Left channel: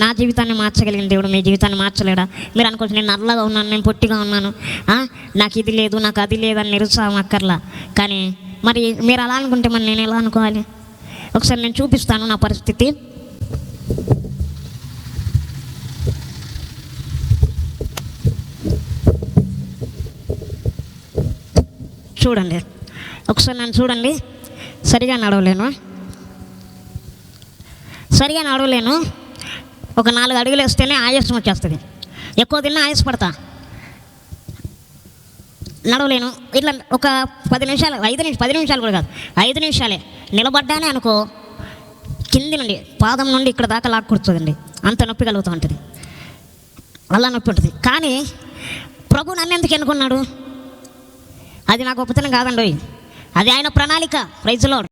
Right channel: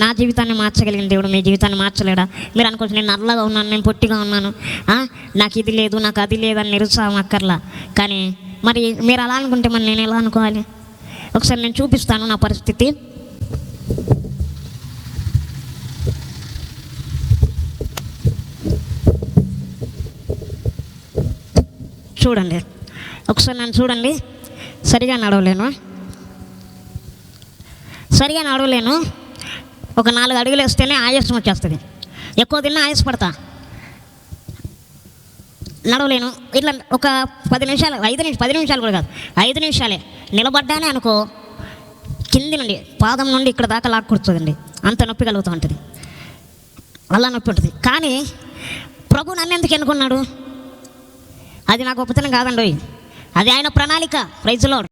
నా జీవితాన్ని మార్చగలిగిన దేవుడు మీ జీవితాన్ని మార్చలేడా? మీరు అనుకోవచ్చు నేను నల్లగా ఉన్నాను, నేను పొట్టిగా ఉన్నాను, నాకు ఇది లేదు, నాకు అది లేదని నిరుత్సాహం అక్కర్లా. కానీ మరి మీరు అలా అనుకుంటే మరి నేను ఎలా అనుకోవాలి? ఒకసారి నేను చూపిస్తాను నా పరిస్థితి. చూడండి, ఒకసారి నన్ను చూడండి. సరిగా నడవలేను. ఒక 4 అడుగులు వేస్తేనే ఆయాసం వచ్చేస్తుంది. ఎక్కువ తిన్నా ఆయాసపడతా, నడవలేను. ఇట్లా ఒక 10 నిమిషాలు, 10 నిమిషాలు కూడా కాదు, 5 నిమిషాలే నిలబడ్డానే అనుకో, కింది నుండి పాదం నుండి ఇక్కడ దాకా లాక్కొడుతుందండి. అంత నొప్పి కలుగుతూ ఉంటుంది, వల్ల నొప్పి ఉంటుంది. కానీ ప్రభు నన్ను ఎందుకు ఎన్నుకున్నాడు? అది నా గొప్పతనం కాదండి, అది ఆయన ప్రణాళిక. Prize lord.